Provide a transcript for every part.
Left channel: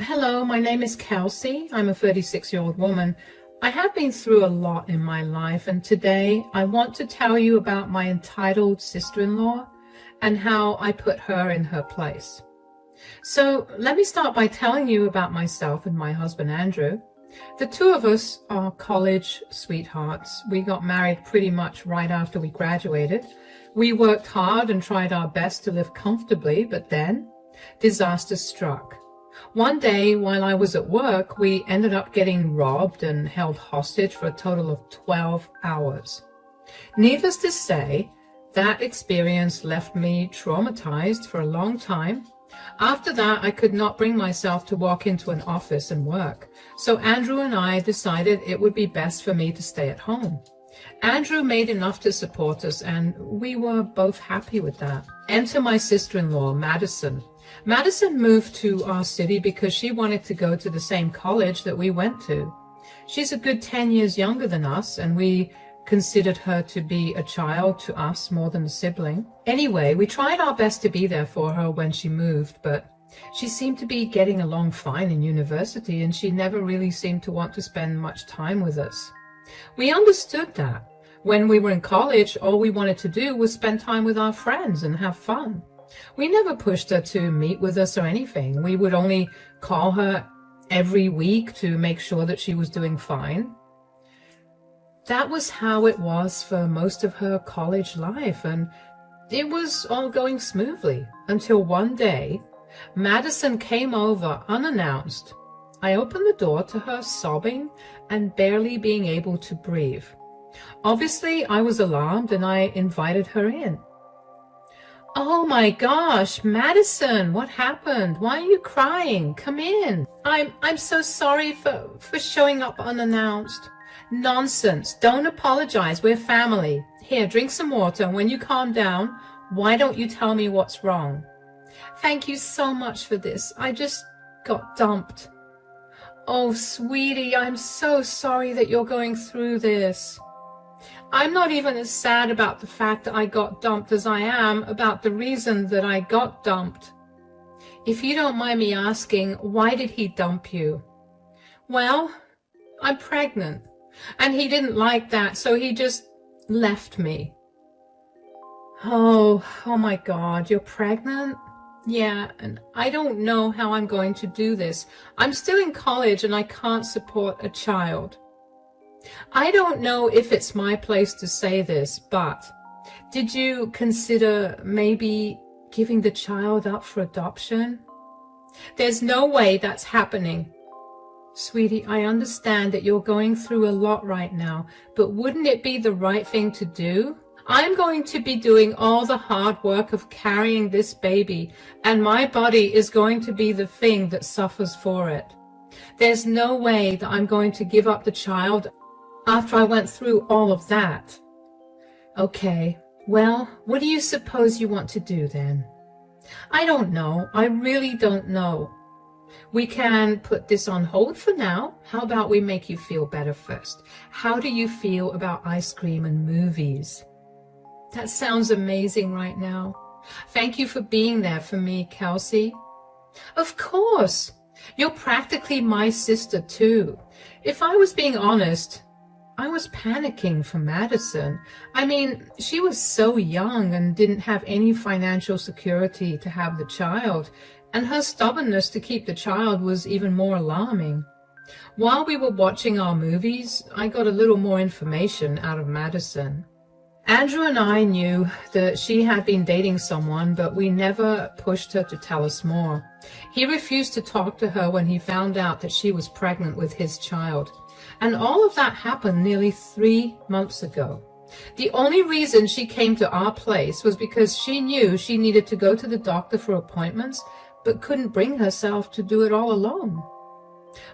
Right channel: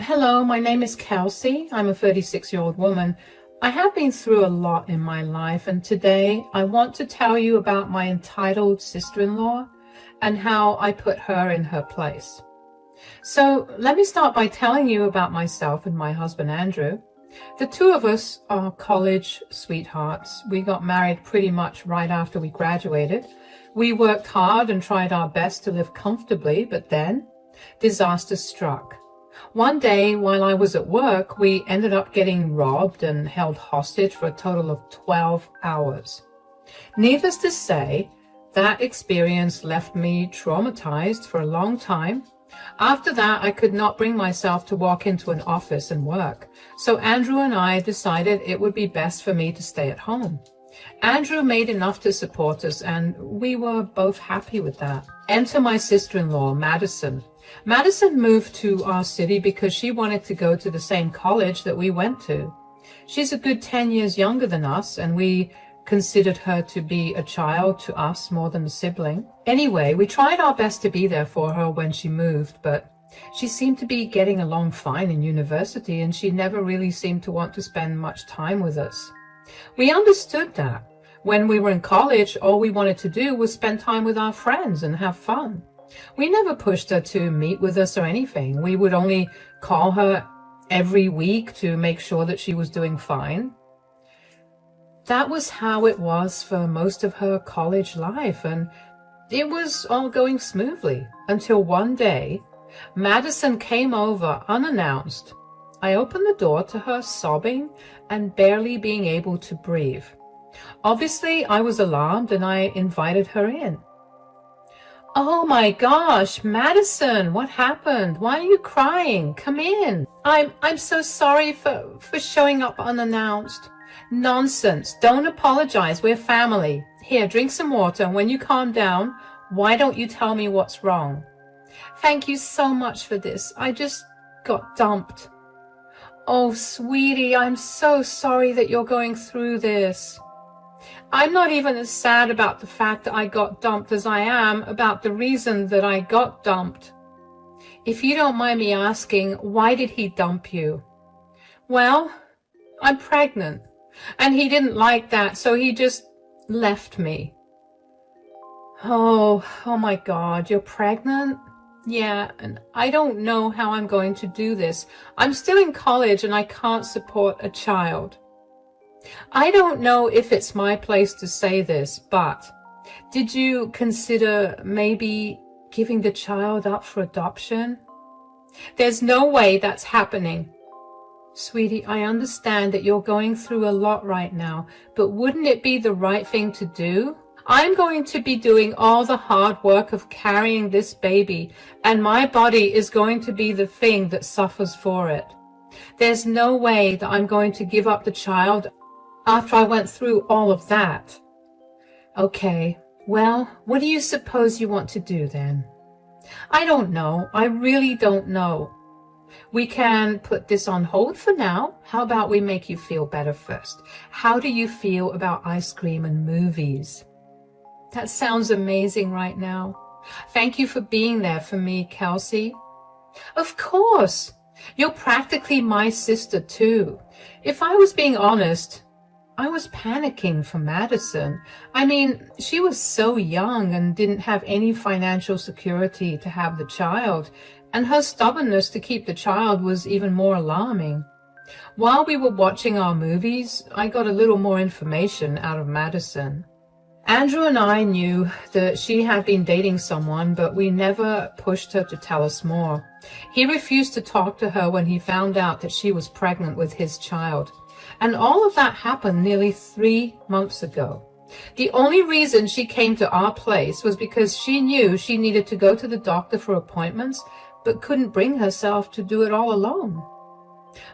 Hello, my name is Kelsey. I'm a 36-year-old woman. I have been through a lot in my life, and today I want to tell you about my entitled sister-in-law and how I put her in her place. So let me start by telling you about myself and my husband, Andrew. The two of us are college sweethearts. We got married pretty much right after we graduated. We worked hard and tried our best to live comfortably, but then disaster struck. One day while I was at work, we ended up getting robbed and held hostage for a total of 12 hours. Needless to say, that experience left me traumatized for a long time. After that, I could not bring myself to walk into an office and work. So Andrew and I decided it would be best for me to stay at home. Andrew made enough to support us, and we were both happy with that. Enter my sister-in-law, Madison. Madison moved to our city because she wanted to go to the same college that we went to. She's a good 10 years younger than us, and we considered her to be a child to us more than a sibling. Anyway, we tried our best to be there for her when she moved, but she seemed to be getting along fine in university, and she never really seemed to want to spend much time with us. We understood that. When we were in college, all we wanted to do was spend time with our friends and have fun. We never pushed her to meet with us or anything. We would only call her every week to make sure that she was doing fine. That was how it was for most of her college life, and it was all going smoothly until one day, Madison came over unannounced. I opened the door to her sobbing and barely being able to breathe. Obviously, I was alarmed and I invited her in. "Oh my gosh, Madison, what happened? Why are you crying? Come in. I'm so sorry for showing up unannounced." "Nonsense. Don't apologize. We're family. Here, drink some water. And when you calm down, why don't you tell me what's wrong?" "Thank you so much for this. I just got dumped." "Oh, sweetie, I'm so sorry that you're going through this." "I'm not even as sad about the fact that I got dumped as I am about the reason that I got dumped." "If you don't mind me asking, why did he dump you?" "Well, I'm pregnant, and he didn't like that, so he just left me." Oh my God, you're pregnant?" "Yeah, and I don't know how I'm going to do this. I'm still in college and I can't support a child." I don't know if it's my place to say this, but did you consider maybe giving the child up for adoption?" "There's no way that's happening." "Sweetie, I understand that you're going through a lot right now, but wouldn't it be the right thing to do? I'm going to be doing all the hard work of carrying this baby, and my body is going to be the thing that suffers for it. There's no way that I'm going to give up the child after I went through all of that." "Okay, well, what do you suppose you want to do then?" "I don't know. I really don't know. We can put this on hold for now. How about we make you feel better first? How do you feel about ice cream and movies?" "That sounds amazing right now. Thank you for being there for me, Kelsey." "Of course. You're practically my sister too." If I was being honest, I was panicking for Madison. I mean, she was so young and didn't have any financial security to have the child, and her stubbornness to keep the child was even more alarming. While we were watching our movies, I got a little more information out of Madison. Andrew and I knew that she had been dating someone, but we never pushed her to tell us more. He refused to talk to her when he found out that she was pregnant with his child. And all of that happened nearly 3 months ago. The only reason she came to our place was because she knew she needed to go to the doctor for appointments, but couldn't bring herself to do it all alone.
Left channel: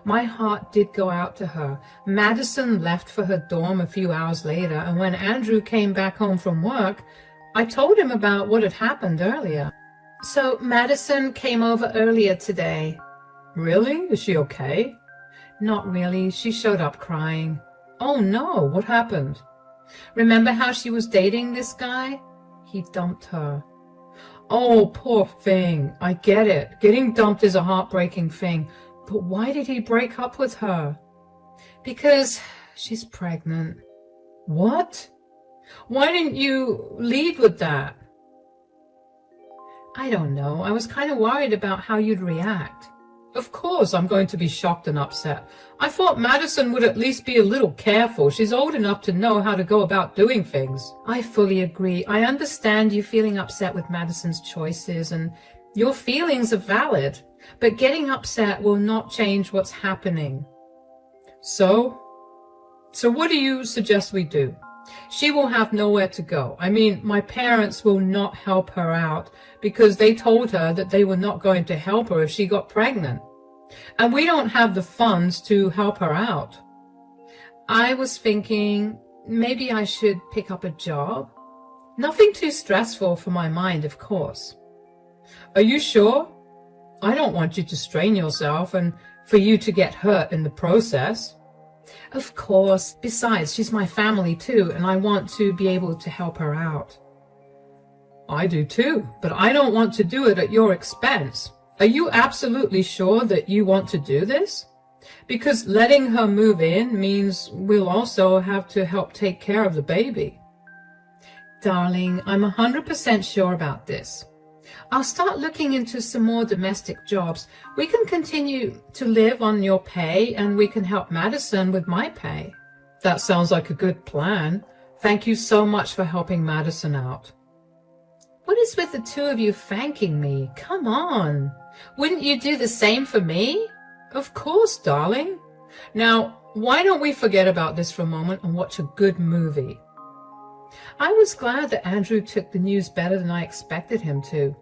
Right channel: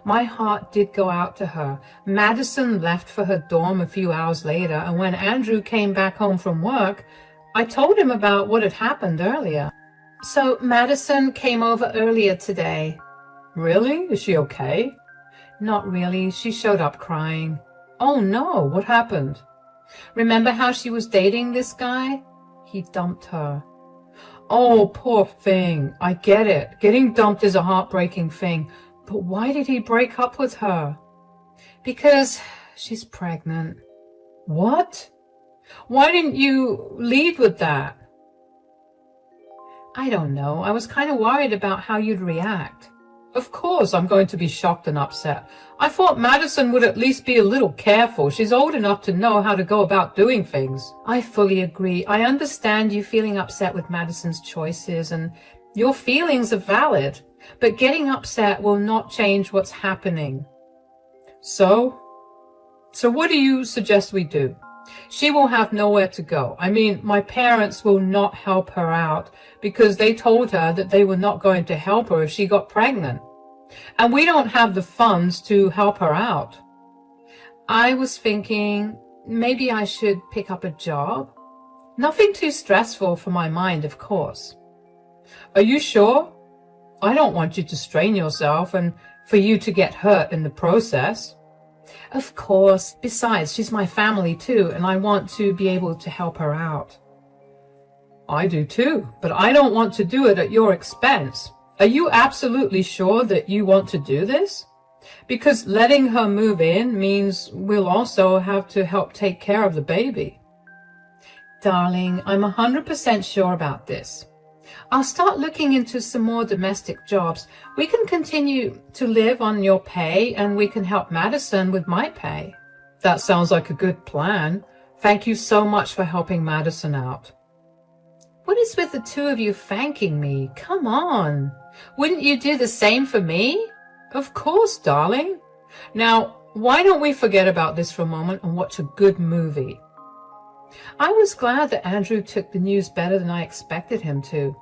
My heart did go out to her. Madison left for her dorm a few hours later, and when Andrew came back home from work, I told him about what had happened earlier. "So Madison came over earlier today." "Really? Is she okay?" "Not really. She showed up crying." "Oh no, what happened?" "Remember how she was dating this guy? He dumped her." "Oh, poor thing. I get it. Getting dumped is a heartbreaking thing. But why did he break up with her? Because she's pregnant. What? Why didn't you lead with that? I don't know. I was kind of worried about how you'd react. Of course I'm going to be shocked and upset. I thought Madison would at least be a little careful. She's old enough to know how to go about doing things. I fully agree. I understand you feeling upset with Madison's choices, and your feelings are valid. But getting upset will not change what's happening. So what do you suggest we do? She will have nowhere to go. I mean, my parents will not help her out because they told her that they were not going to help her if she got pregnant. And we don't have the funds to help her out. I was thinking maybe I should pick up a job. Nothing too stressful for my mind, of course. Are you sure? I don't want you to strain yourself and for you to get hurt in the process. Of course. Besides, she's my family too, and I want to be able to help her out. I do too, but I don't want to do it at your expense. Are you absolutely sure that you want to do this? Because letting her move in means we'll also have to help take care of the baby. Darling, I'm 100% sure about this. I'll start looking into some more domestic jobs. We can continue to live on your pay and we can help Madison with my pay. That sounds like a good plan. Thank you so much for helping Madison out. What is with the two of you thanking me? Come on. Wouldn't you do the same for me? Of course, darling. Now, why don't we forget about this for a moment and watch a good movie? I was glad that Andrew took the news better than I expected him to.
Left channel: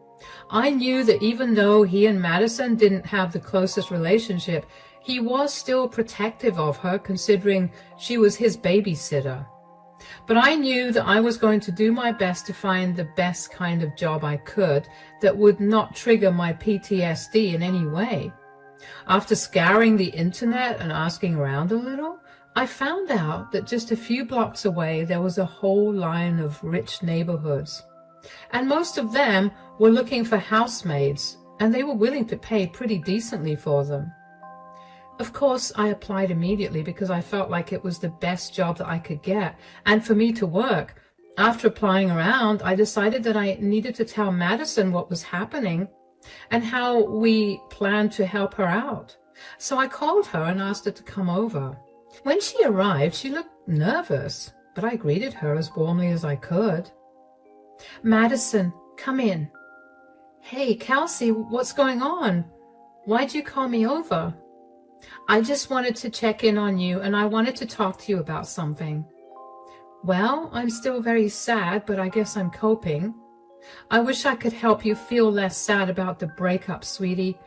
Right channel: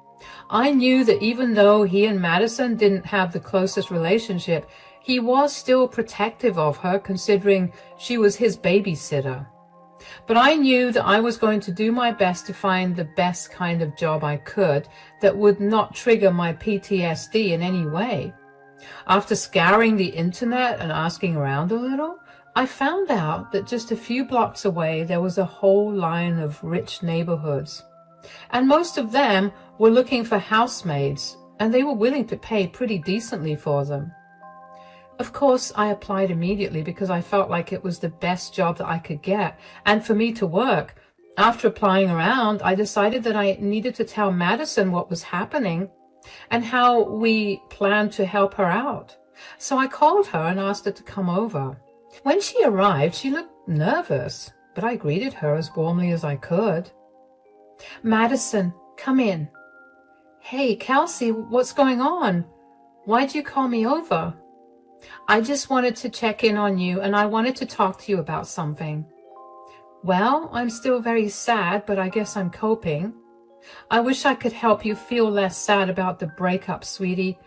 I knew that even though he and Madison didn't have the closest relationship, he was still protective of her considering she was his babysitter. But I knew that I was going to do my best to find the best kind of job I could that would not trigger my PTSD in any way. After scouring the internet and asking around a little, I found out that just a few blocks away there was a whole line of rich neighborhoods. And most of them were looking for housemaids, and they were willing to pay pretty decently for them. Of course, I applied immediately because I felt like it was the best job that I could get, and for me to work. After applying around, I decided that I needed to tell Madison what was happening and how we planned to help her out. So I called her and asked her to come over. When she arrived, she looked nervous, but I greeted her as warmly as I could. Madison, come in. Hey, Kelsey, what's going on? Why'd you call me over? I just wanted to check in on you, and I wanted to talk to you about something. Well, I'm still very sad, but I guess I'm coping. I wish I could help you feel less sad about the breakup, sweetie,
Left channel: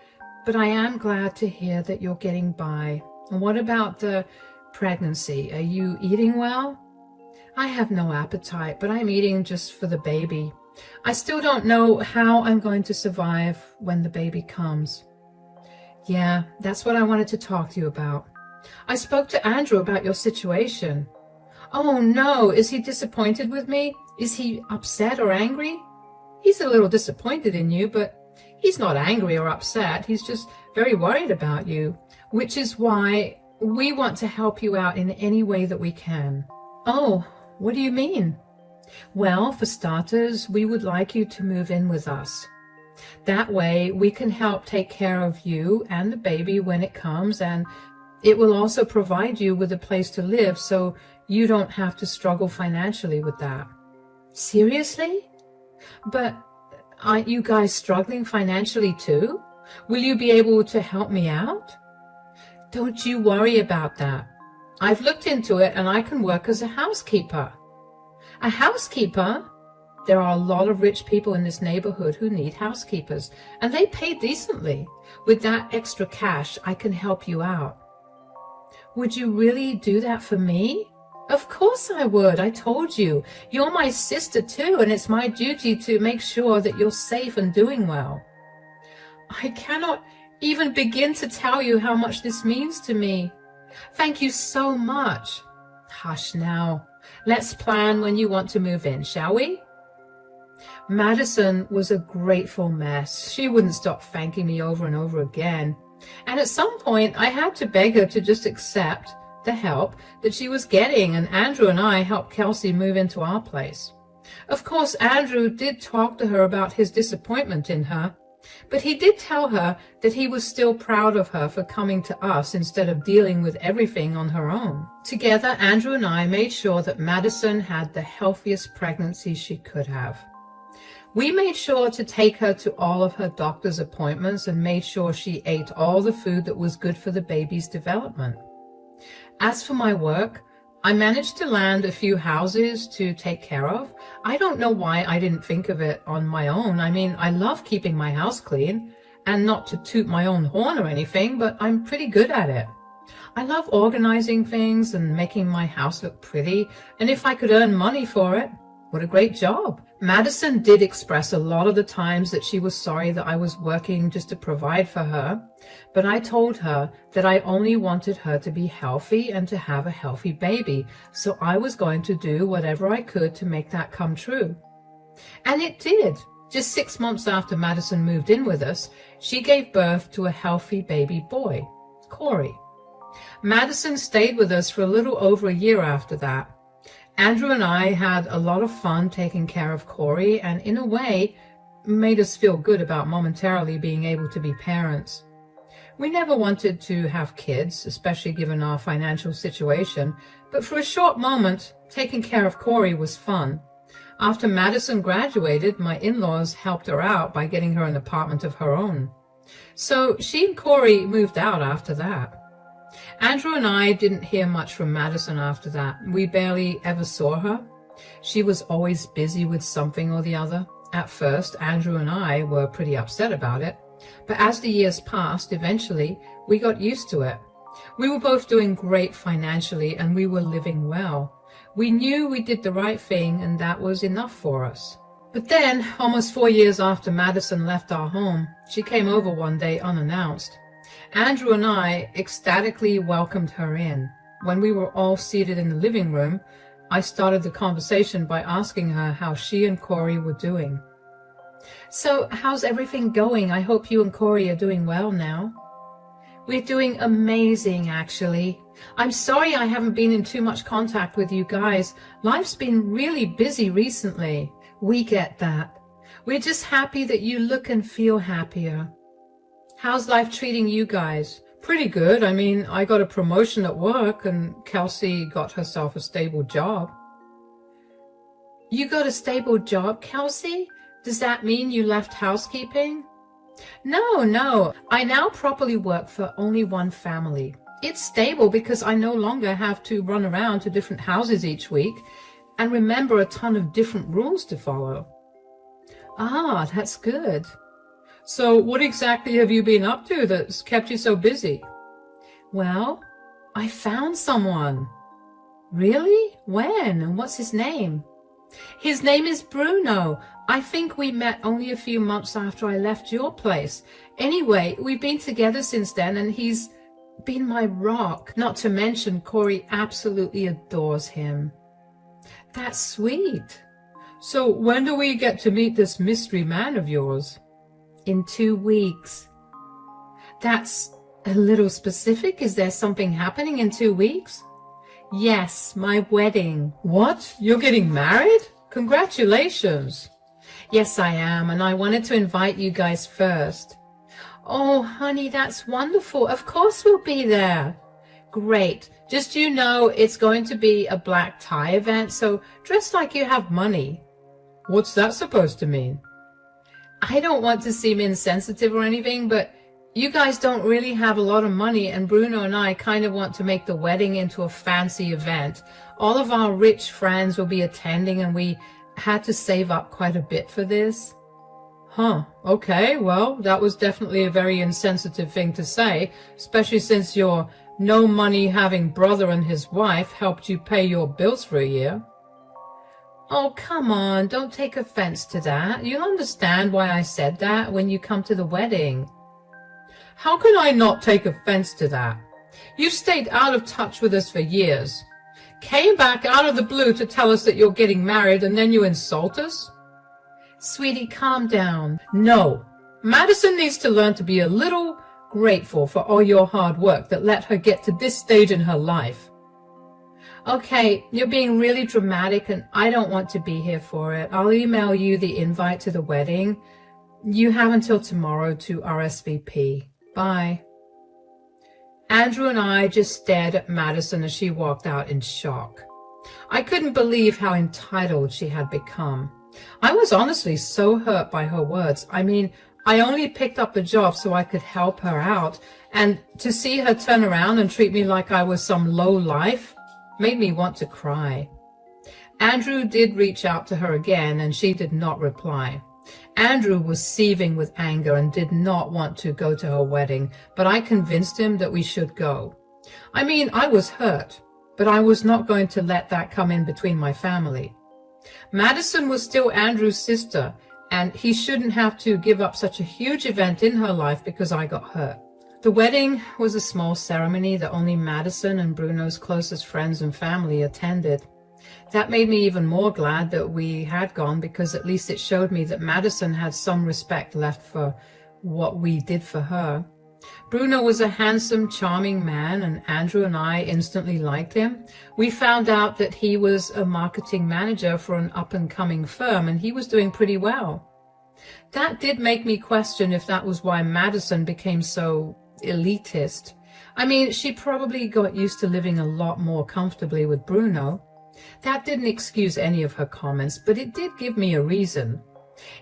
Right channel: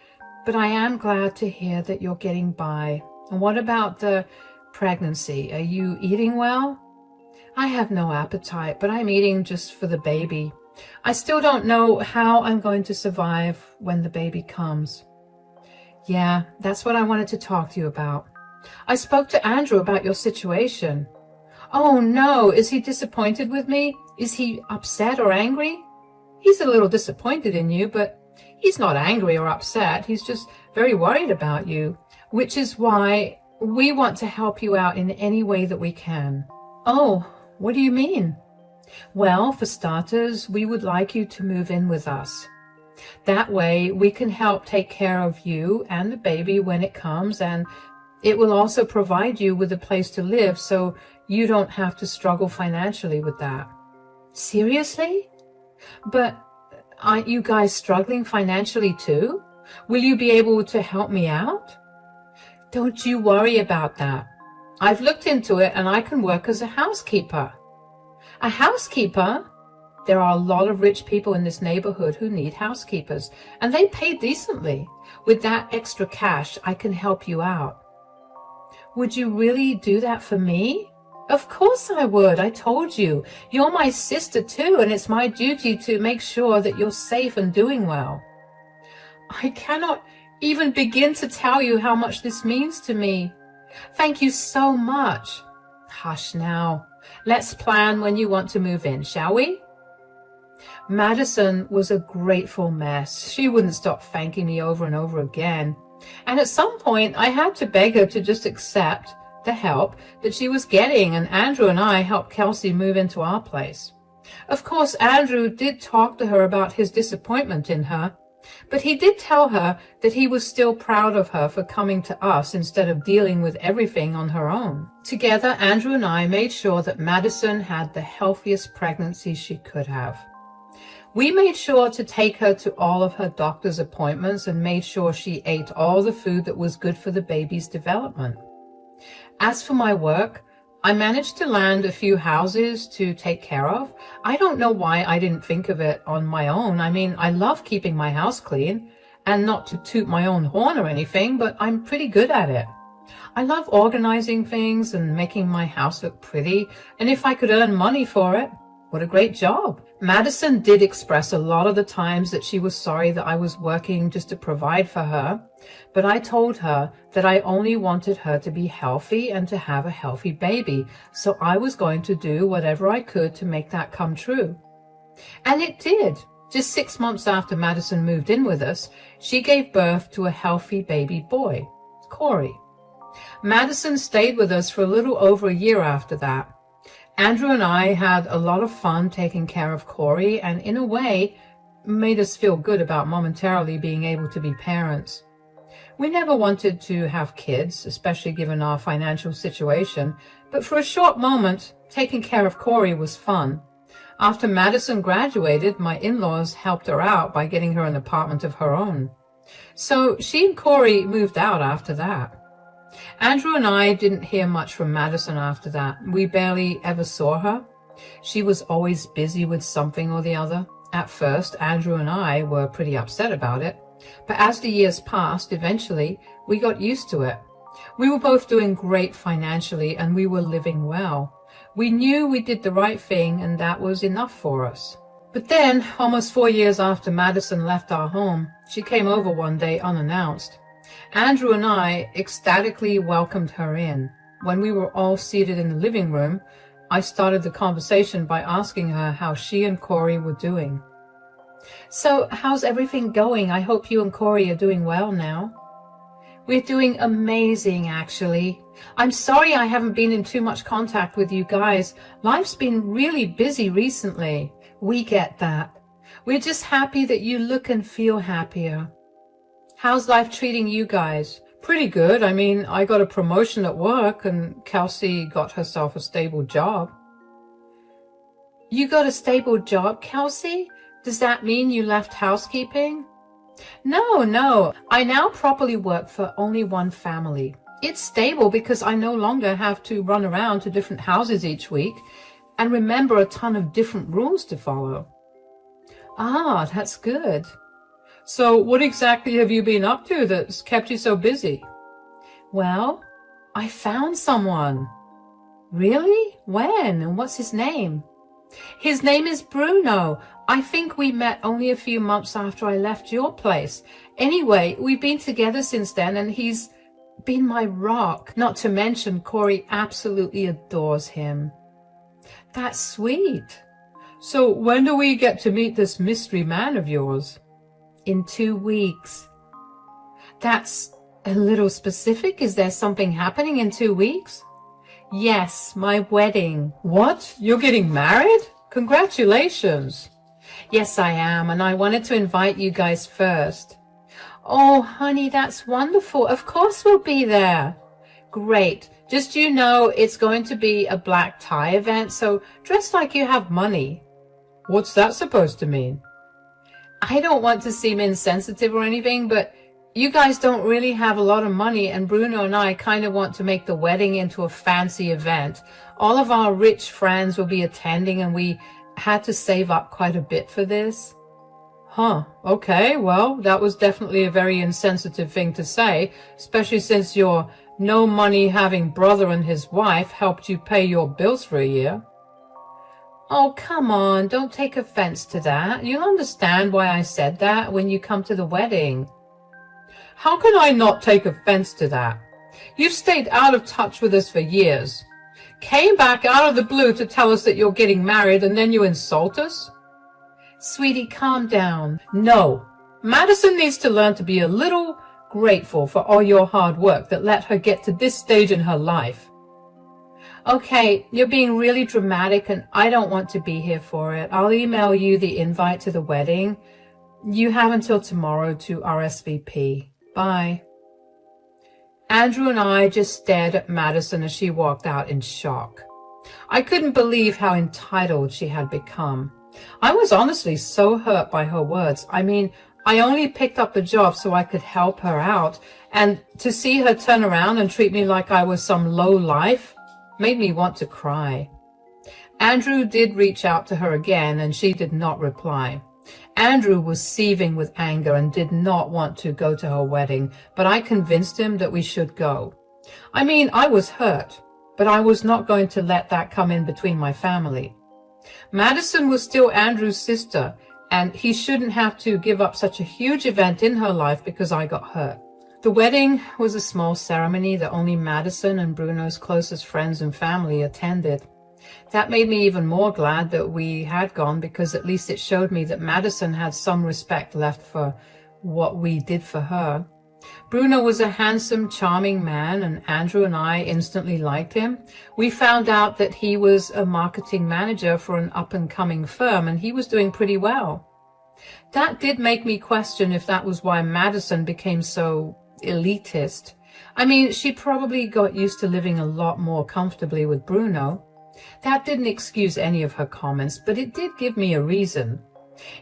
but I am glad to hear that you're getting by. And what about the pregnancy? Are you eating well? I have no appetite, but I'm eating just for the baby. I still don't know how I'm going to survive when the baby comes. Yeah, that's what I wanted to talk to you about. I spoke to Andrew about your situation. Oh no, is he disappointed with me? Is he upset or angry? He's a little disappointed in you, but he's not angry or upset. He's just very worried about you, which is why we want to help you out in any way that we can. Oh, what do you mean? Well, for starters, we would like you to move in with us. That way, we can help take care of you and the baby when it comes, and it will also provide you with a place to live so you don't have to struggle financially with that. Seriously? But aren't you guys struggling financially too? Will you be able to help me out? Don't you worry about that. I've looked into it and I can work as a housekeeper. A housekeeper? There are a lot of rich people in this neighborhood who need housekeepers, and they pay decently. With that extra cash, I can help you out. Would you really do that for me? Of course I would. I told you. You're my sister too, and it's my duty to make sure that you're safe and doing well. I cannot even begin to tell you how much this means to me. Thank you so much. Hush now. Let's plan when you want to move in, shall we? Madison was a grateful mess. She wouldn't stop thanking me over and over again. And at some point, I had to beg her to just accept the help that she was getting, and Andrew and I helped Kelsey move into our place. Of course, Andrew did talk to her about his disappointment in her, but he did tell her that he was still proud of her for coming to us instead of dealing with everything on her own. Together, Andrew and I made sure that Madison had the healthiest pregnancy she could have. We made sure to take her to all of her doctor's appointments and made sure she ate all the food that was good for the baby's development. As for my work, I managed to land a few houses to take care of. I don't know why I didn't think of it on my own. I mean, I love keeping my house clean, and not to toot my own horn or anything, but I'm pretty good at it. I love organizing things and making my house look pretty, and if I could earn money for it, what a great job. Madison did express a lot of the times that she was sorry that I was working just to provide for her, but I told her that I only wanted her to be healthy and to have a healthy baby, so I was going to do whatever I could to make that come true. And it did. Just 6 months after Madison moved in with us, she gave birth to a healthy baby boy, Corey. Madison stayed with us for a little over a year after that. Andrew and I had a lot of fun taking care of Corey, and in a way made us feel good about momentarily being able to be parents. We never wanted to have kids, especially given our financial situation, but for a short moment, taking care of Corey was fun. After Madison graduated, my in-laws helped her out by getting her an apartment of her own. So she and Corey moved out after that. Andrew and I didn't hear much from Madison after that. We barely ever saw her. She was always busy with something or the other. At first, Andrew and I were pretty upset about it. But as the years passed, eventually, we got used to it. We were both doing great financially, and we were living well. We knew we did the right thing, and that was enough for us. But then, almost 4 years after Madison left our home, she came over one day unannounced. Andrew and I ecstatically welcomed her in. When we were all seated in the living room, I started the conversation by asking her how she and Corey were doing. So, how's everything going? I hope you and Corey are doing well now. We're doing amazing, actually. I'm sorry I haven't been in too much contact with you guys. Life's been really busy recently. We get that. We're just happy that you look and feel happier. How's life treating you guys? Pretty good. I mean, I got a promotion at work and Kelsey got herself a stable job. You got a stable job, Kelsey? Does that mean you left housekeeping? No. I now properly work for only one family. It's stable because I no longer have to run around to different houses each week and remember a ton of different rules to follow. Ah, that's good. So what exactly have you been up to that's kept you so busy? Well, I found someone. Really? When? And what's his name? His name is Bruno. I think we met only a few months after I left your place. Anyway, we've been together since then, and he's been my rock. Not to mention, Corey absolutely adores him. That's sweet. So when do we get to meet this mystery man of yours? In 2 weeks. That's a little specific. Is there something happening in 2 weeks? Yes, my wedding. What? You're getting married? Congratulations. Yes, I am, and I wanted to invite you guys first. Oh, honey, that's wonderful. Of course we'll be there. Great. Just you know, it's going to be a black tie event, so dress like you have money. What's that supposed to mean? I don't want to seem insensitive or anything, but you guys don't really have a lot of money, and Bruno and I kind of want to make the wedding into a fancy event. All of our rich friends will be attending, and we had to save up quite a bit for this. Huh, okay, well, that was definitely a very insensitive thing to say, especially since your no money having brother and his wife helped you pay your bills for a year. Oh, come on, don't take offense to that. You'll understand why I said that when you come to the wedding. How can I not take offense to that? You've stayed out of touch with us for years. Came back out of the blue to tell us that you're getting married, and then you insult us? Sweetie, calm down. No, Madison needs to learn to be a little grateful for all your hard work that let her get to this stage in her life. Okay, you're being really dramatic and I don't want to be here for it. I'll email you the invite to the wedding. You have until tomorrow to RSVP. Bye. Andrew and I just stared at Madison as she walked out in shock. I couldn't believe how entitled she had become. I was honestly so hurt by her words. I mean, I only picked up the job so I could help her out, and to see her turn around and treat me like I was some low life made me want to cry. Andrew did reach out to her again, and she did not reply. Andrew was seething with anger and did not want to go to her wedding, but I convinced him that we should go. I mean, I was hurt, but I was not going to let that come in between my family. Madison was still Andrew's sister, and he shouldn't have to give up such a huge event in her life because I got hurt. The wedding was a small ceremony that only Madison and Bruno's closest friends and family attended. That made me even more glad that we had gone, because at least it showed me that Madison had some respect left for what we did for her. Bruno was a handsome, charming man, and Andrew and I instantly liked him. We found out that he was a marketing manager for an up-and-coming firm, and he was doing pretty well. That did make me question if that was why Madison became so elitist. I mean, she probably got used to living a lot more comfortably with Bruno. That didn't excuse any of her comments, but it did give me a reason.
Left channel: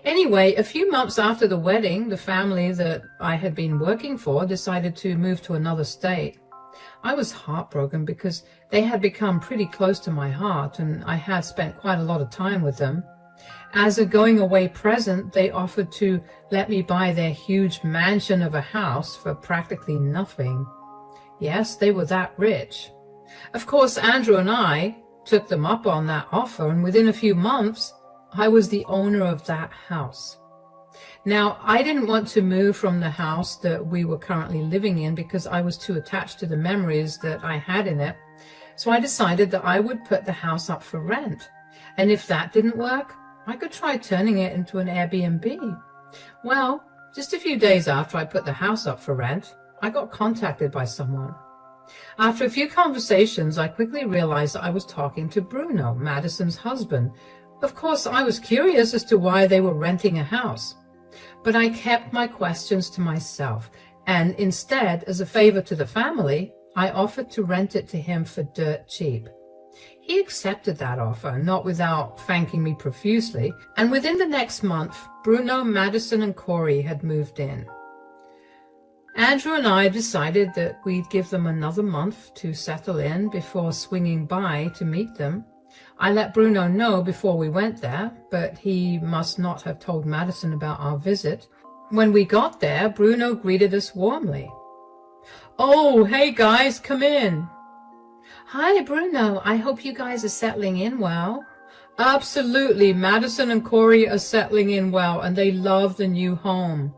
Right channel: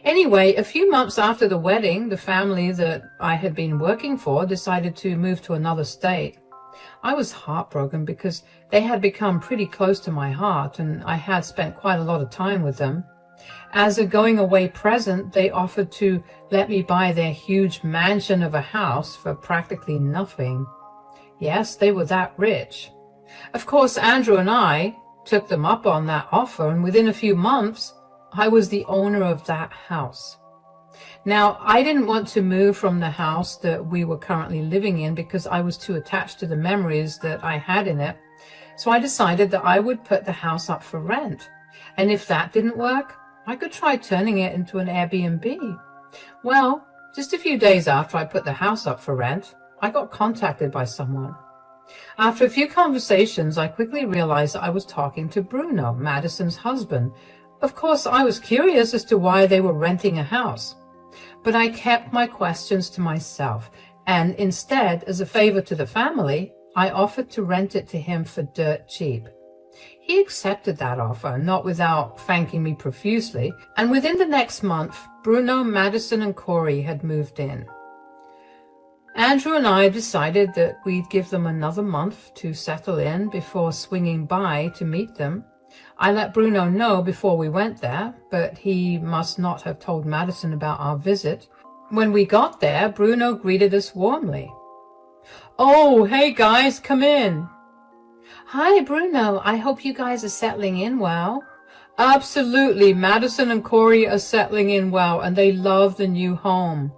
Anyway, a few months after the wedding, the family that I had been working for decided to move to another state. I was heartbroken because they had become pretty close to my heart, and I had spent quite a lot of time with them. As a going-away present, they offered to let me buy their huge mansion of a house for practically nothing. Yes, they were that rich. Of course, Andrew and I took them up on that offer, and within a few months, I was the owner of that house. Now, I didn't want to move from the house that we were currently living in because I was too attached to the memories that I had in it. So I decided that I would put the house up for rent. And if that didn't work, I could try turning it into an Airbnb. Well, just a few days after I put the house up for rent, I got contacted by someone. After a few conversations, I quickly realized that I was talking to Bruno, Madison's husband. Of course, I was curious as to why they were renting a house. But I kept my questions to myself, and instead, as a favor to the family, I offered to rent it to him for dirt cheap. He accepted that offer, not without thanking me profusely, and within the next month, Bruno, Madison, and Corey had moved in. Andrew and I decided that we'd give them another month to settle in before swinging by to meet them. I let Bruno know before we went there, but he must not have told Madison about our visit. When we got there, Bruno greeted us warmly. "Oh, hey guys, come in." "Hi, Bruno. I hope you guys are settling in well." "Absolutely. Madison and Corey are settling in well, and they love the new home."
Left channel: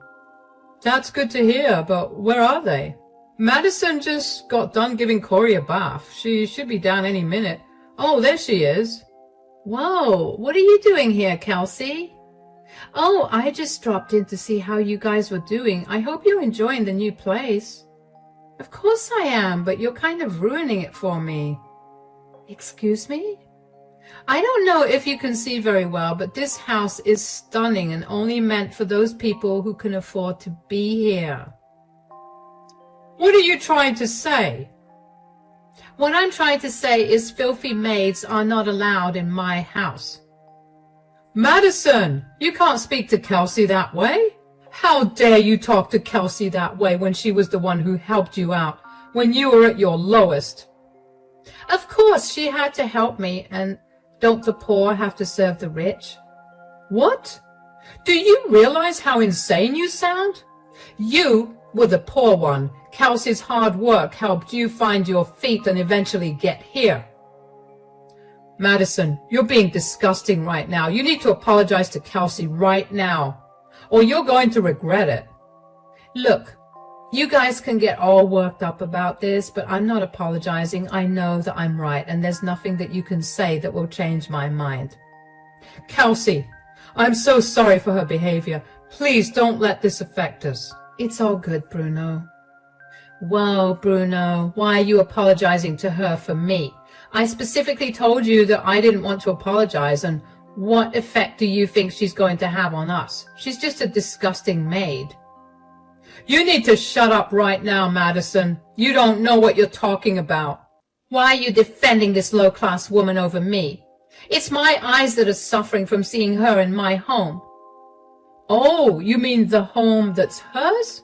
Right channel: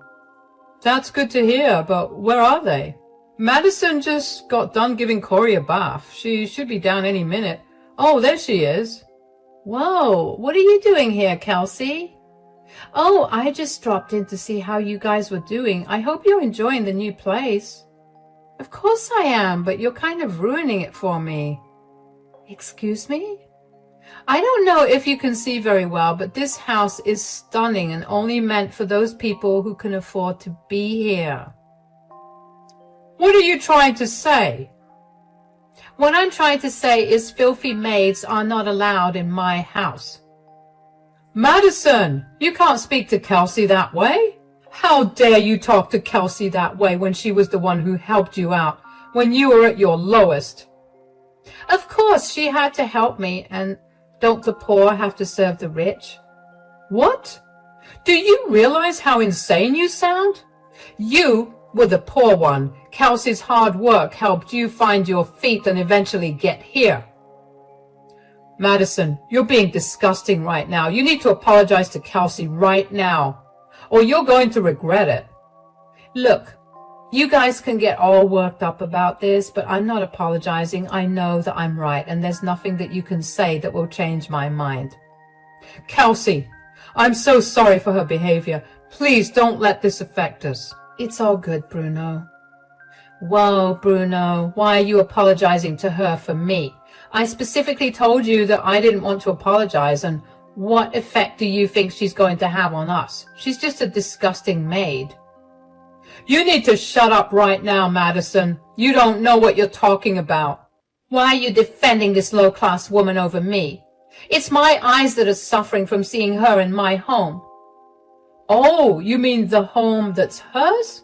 "That's good to hear, but where are they?" "Madison just got done giving Corey a bath. She should be down any minute." "Oh, there she is." "Whoa, what are you doing here, Kelsey?" "Oh, I just dropped in to see how you guys were doing. I hope you're enjoying the new place." "Of course I am, but you're kind of ruining it for me." "Excuse me?" "I don't know if you can see very well, but this house is stunning and only meant for those people who can afford to be here." "What are you trying to say?" "What I'm trying to say is filthy maids are not allowed in my house." "Madison, you can't speak to Kelsey that way. How dare you talk to Kelsey that way when she was the one who helped you out when you were at your lowest?" "Of course she had to help me, and don't the poor have to serve the rich?" "What? Do you realize how insane you sound? You were the poor one. Kelsey's hard work helped you find your feet and eventually get here." "Madison, you're being disgusting right now. You need to apologize to Kelsey right now, or you're going to regret it." "Look, you guys can get all worked up about this, but I'm not apologizing. I know that I'm right, and there's nothing that you can say that will change my mind." "Kelsey, I'm so sorry for her behavior. Please don't let this affect us." "It's all good, Bruno. Whoa, Bruno, why are you apologizing to her for me? I specifically told you that I didn't want to apologize, and what effect do you think she's going to have on us? She's just a disgusting maid. You need to shut up right now, Madison. You don't know what you're talking about. Why are you defending this low-class woman over me? It's my eyes that are suffering from seeing her in my home. Oh, you mean the home that's hers?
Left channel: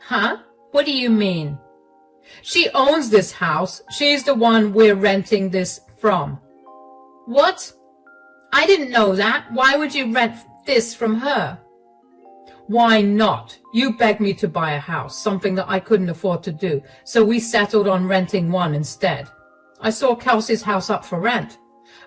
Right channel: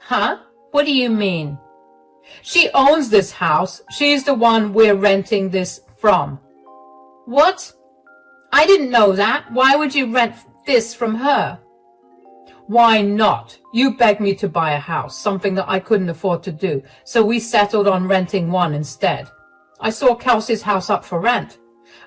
Huh? What do you mean? She owns this house. She's the one we're renting this from. What? I didn't know that. Why would you rent this from her? Why not? You begged me to buy a house, something that I couldn't afford to do, so we settled on renting one instead. I saw Kelsey's house up for rent,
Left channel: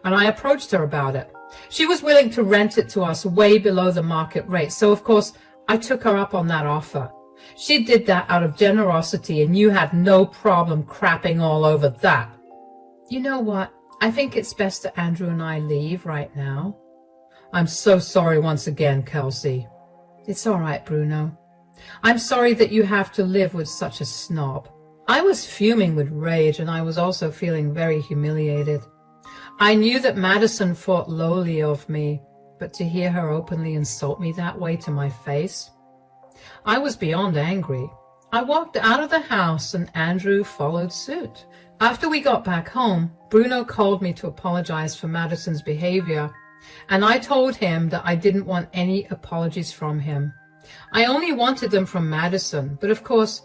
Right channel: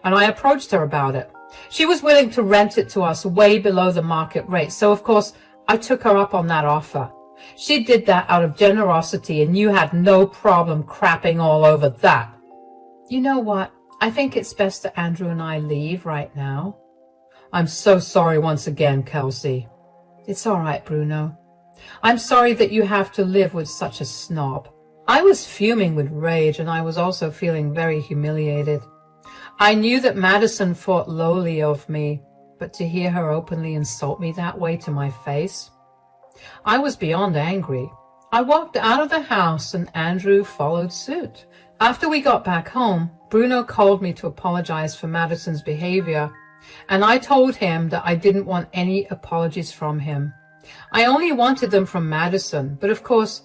and I approached her about it. She was willing to rent it to us way below the market rate, so of course I took her up on that offer. She did that out of generosity, and you had no problem crapping all over that. You know what? I think it's best that Andrew and I leave right now. I'm so sorry once again, Kelsey. It's all right, Bruno. I'm sorry that you have to live with such a snob. I was fuming with rage, and I was also feeling very humiliated. I knew that Madison thought lowly of me, but to hear her openly insult me that way to my face, I was beyond angry. I walked out of the house, and Andrew followed suit. After we got back home, Bruno called me to apologize for Madison's behavior, and I told him that I didn't want any apologies from him. I only wanted them from Madison, but of course,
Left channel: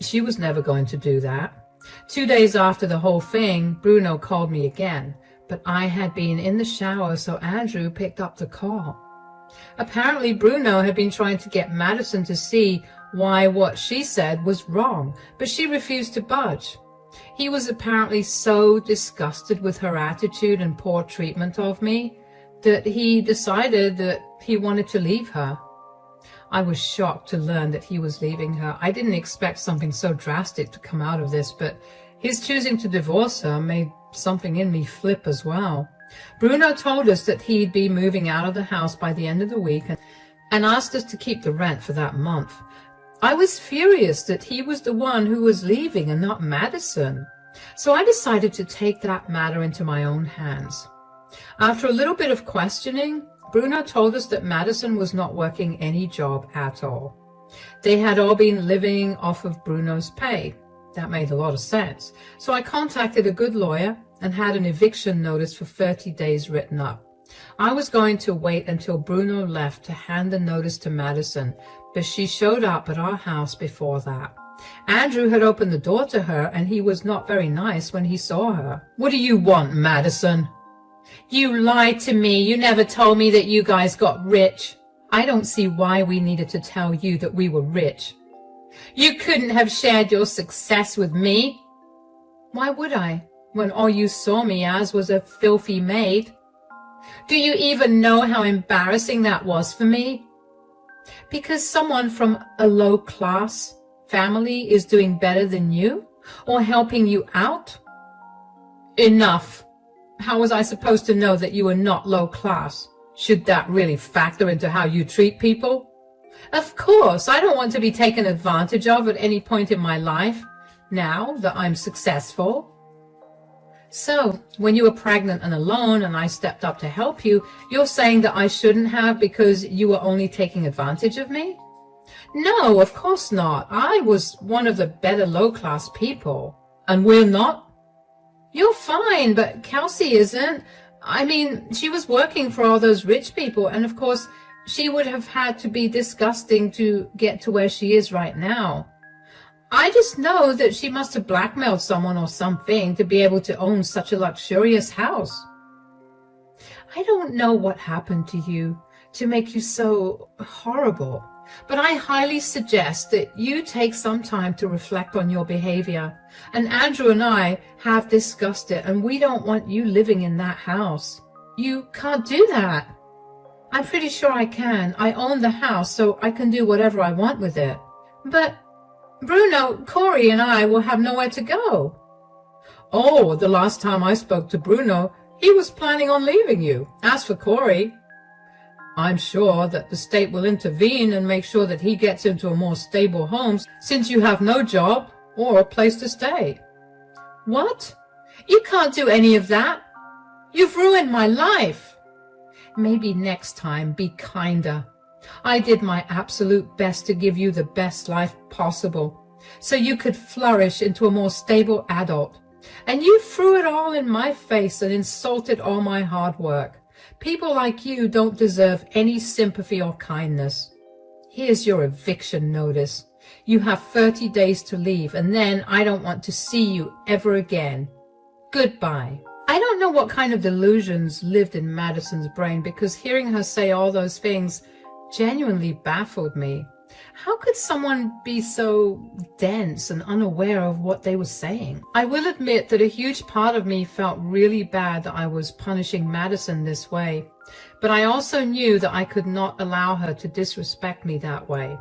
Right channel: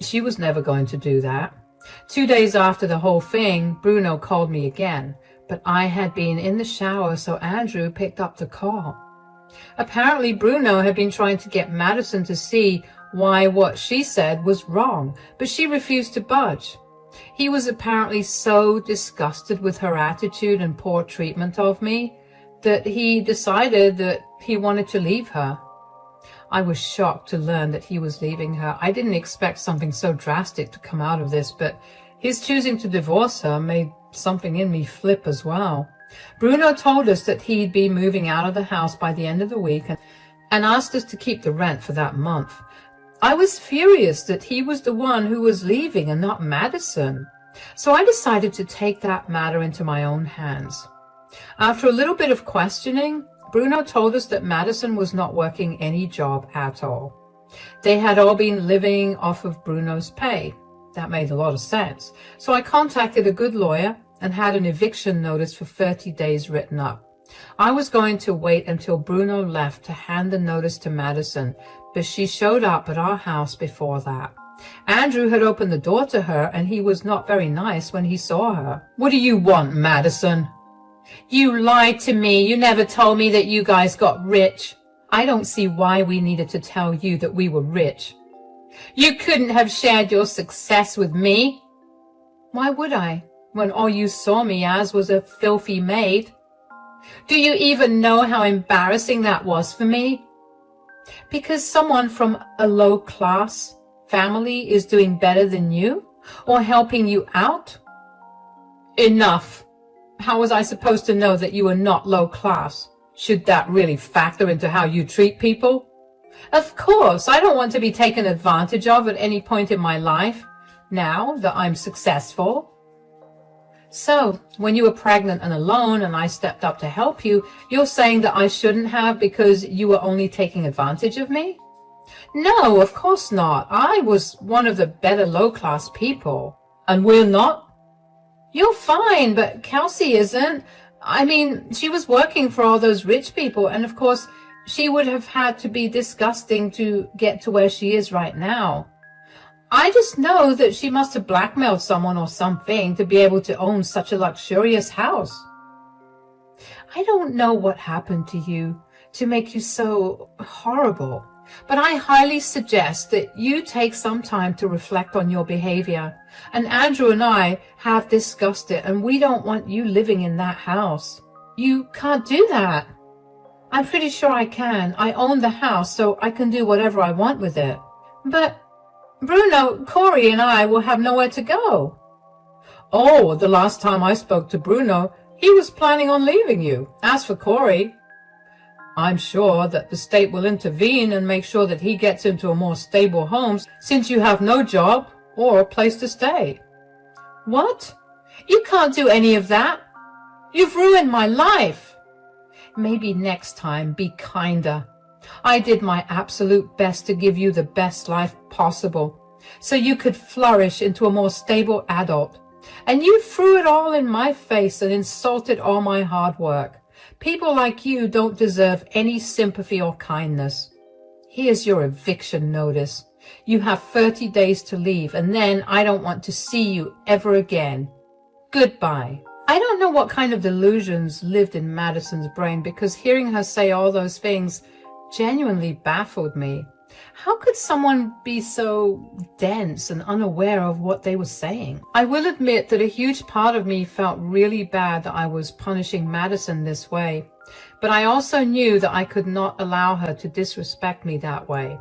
she was never going to do that. 2 days after the whole thing, Bruno called me again, but I had been in the shower, so Andrew picked up the call. Apparently, Bruno had been trying to get Madison to see why what she said was wrong, but she refused to budge. He was apparently so disgusted with her attitude and poor treatment of me that he decided that he wanted to leave her. I was shocked to learn that he was leaving her. I didn't expect something so drastic to come out of this, but his choosing to divorce her made something in me flip as well. Bruno told us that he'd be moving out of the house by the end of the week and asked us to keep the rent for that month. I was furious that he was the one who was leaving and not Madison. So I decided to take that matter into my own hands. After a little bit of questioning, Bruno told us that Madison was not working any job at all. They had all been living off of Bruno's pay. That made a lot of sense. So I contacted a good lawyer and had an eviction notice for 30 days written up. I was going to wait until Bruno left to hand the notice to Madison, but she showed up at our house before that. Andrew had opened the door to her, and he was not very nice when he saw her. What do you want, Madison? You lied to me. You never told me that you guys got rich. I don't see why we needed to tell you that we were rich. You couldn't have shared your success with me. Why would I, when all you saw me as was a filthy maid? Do you even know how embarrassing that was for me? Because someone from a low-class family is doing better than you or helping you out? Enough. How was I supposed to know that you were not low-class? Should that really factor into how you treat people? Of course, I don't want to be taken advantage of at any point in my life, now that I'm successful. So, when you were pregnant and alone and I stepped up to help you, you're saying that I shouldn't have because you were only taking advantage of me? No, of course not. I was one of the better low-class people. And we're not? You're fine, but Kelsey isn't. I mean, she was working for all those rich people, and of course, she would have had to be disgusting to get to where she is right now. I just know that she must have blackmailed someone or something to be able to own such a luxurious house. I don't know what happened to you to make you so horrible, but I highly suggest that you take some time to reflect on your behavior. And Andrew and I have discussed it, and we don't want you living in that house. You can't do that. I'm pretty sure I can. I own the house, so I can do whatever I want with it. But Bruno, Corey, and I will have nowhere to go. Oh, the last time I spoke to Bruno, he was planning on leaving you. As for Corey, I'm sure that the state will intervene and make sure that he gets into a more stable home since you have no job or a place to stay. What? You can't do any of that. You've ruined my life. Maybe next time be kinder. I did my absolute best to give you the best life possible, so you could flourish into a more stable adult. And you threw it all in my face and insulted all my hard work. People like you don't deserve any sympathy or kindness. Here's your eviction notice. You have 30 days to leave, and then I don't want to see you ever again. Goodbye. I don't know what kind of delusions lived in Madison's brain, because hearing her say all those things genuinely baffled me. How could someone be so dense and unaware of what they were saying? I will admit that a huge part of me felt really bad that I was punishing Madison this way, but I also knew that I could not allow her to disrespect me that way.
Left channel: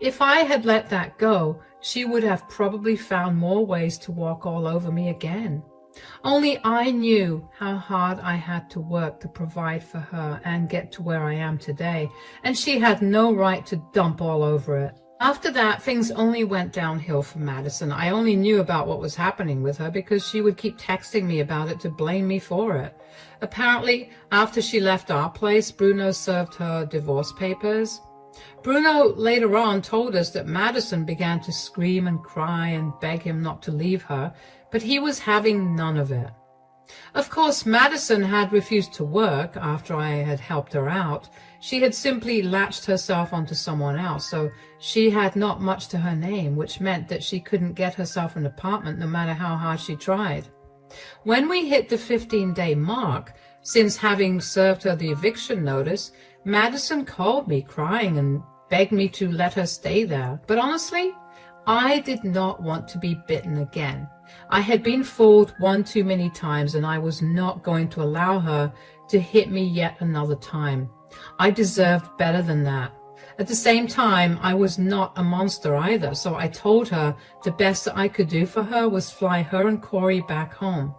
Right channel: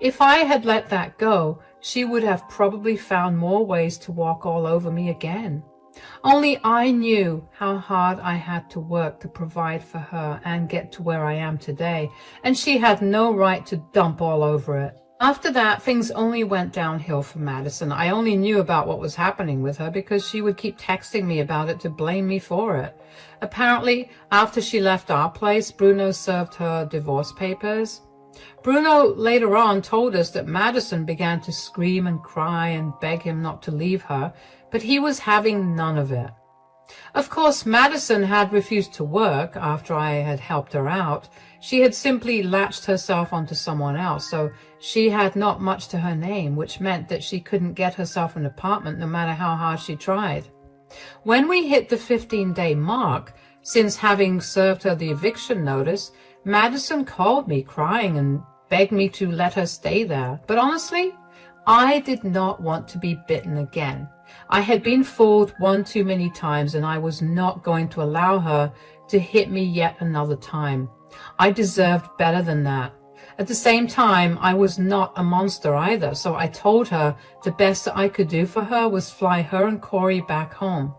If I had let that go, she would have probably found more ways to walk all over me again. Only I knew how hard I had to work to provide for her and get to where I am today, and she had no right to dump all over it. After that, things only went downhill for Madison. I only knew about what was happening with her because she would keep texting me about it to blame me for it. Apparently, after she left our place, Bruno served her divorce papers. Bruno later on told us that Madison began to scream and cry and beg him not to leave her, but he was having none of it. Of course, Madison had refused to work after I had helped her out. She had simply latched herself onto someone else, so she had not much to her name, which meant that she couldn't get herself an apartment no matter how hard she tried. When we hit the 15-day mark, since having served her the eviction notice, Madison called me crying and begged me to let her stay there. But honestly, I did not want to be bitten again. I had been fooled one too many times, and I was not going to allow her to hit me yet another time. I deserved better than that. At the same time, I was not a monster either, so I told her the best that I could do for her was fly her and Corey back home.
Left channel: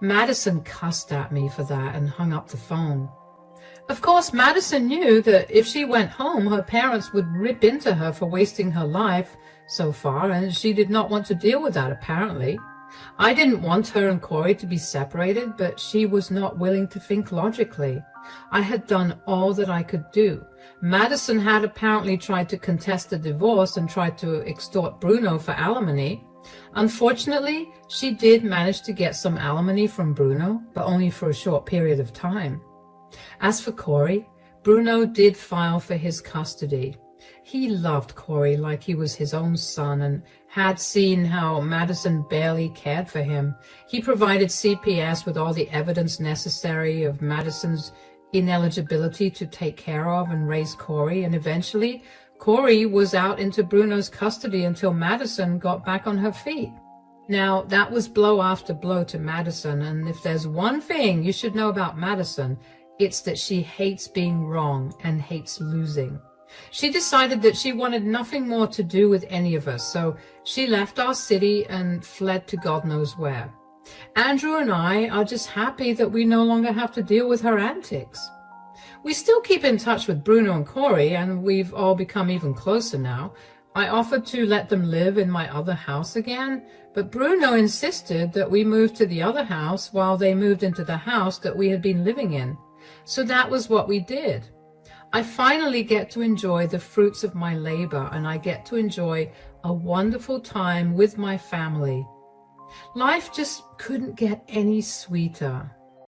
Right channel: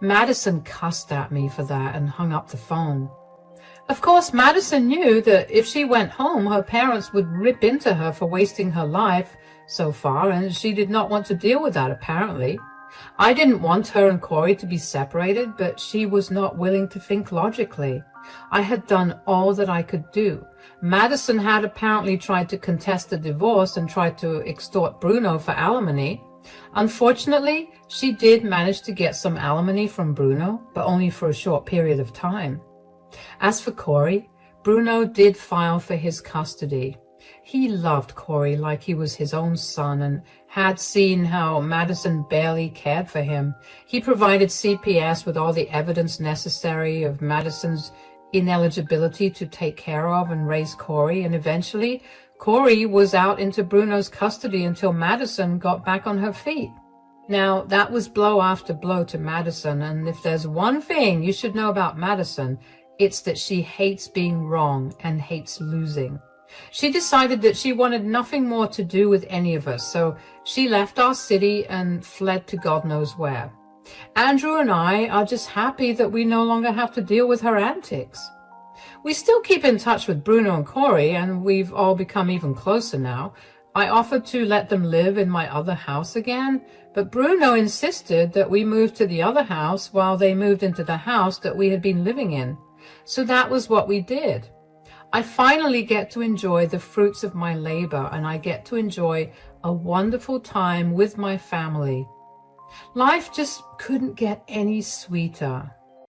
Madison cussed at me for that and hung up the phone. Of course, Madison knew that if she went home, her parents would rip into her for wasting her life so far, and she did not want to deal with that, apparently. I didn't want her and Corey to be separated, but she was not willing to think logically. I had done all that I could do. Madison had apparently tried to contest the divorce and tried to extort Bruno for alimony. Unfortunately, she did manage to get some alimony from Bruno, but only for a short period of time. As for Corey, Bruno did file for his custody. He loved Corey like he was his own son and had seen how Madison barely cared for him. He provided CPS with all the evidence necessary of Madison's ineligibility to take care of and raise Corey, and eventually Corey was out into Bruno's custody until Madison got back on her feet. Now, that was blow after blow to Madison, and if there's one thing you should know about Madison, it's that she hates being wrong and hates losing. She decided that she wanted nothing more to do with any of us, so she left our city and fled to God knows where. Andrew and I are just happy that we no longer have to deal with her antics. We still keep in touch with Bruno and Corey, and we've all become even closer now. I offered to let them live in my other house again, but Bruno insisted that we move to the other house while they moved into the house that we had been living in. So that was what we did. I finally get to enjoy the fruits of my labor, and I get to enjoy a wonderful time with my family. Life just couldn't get any sweeter.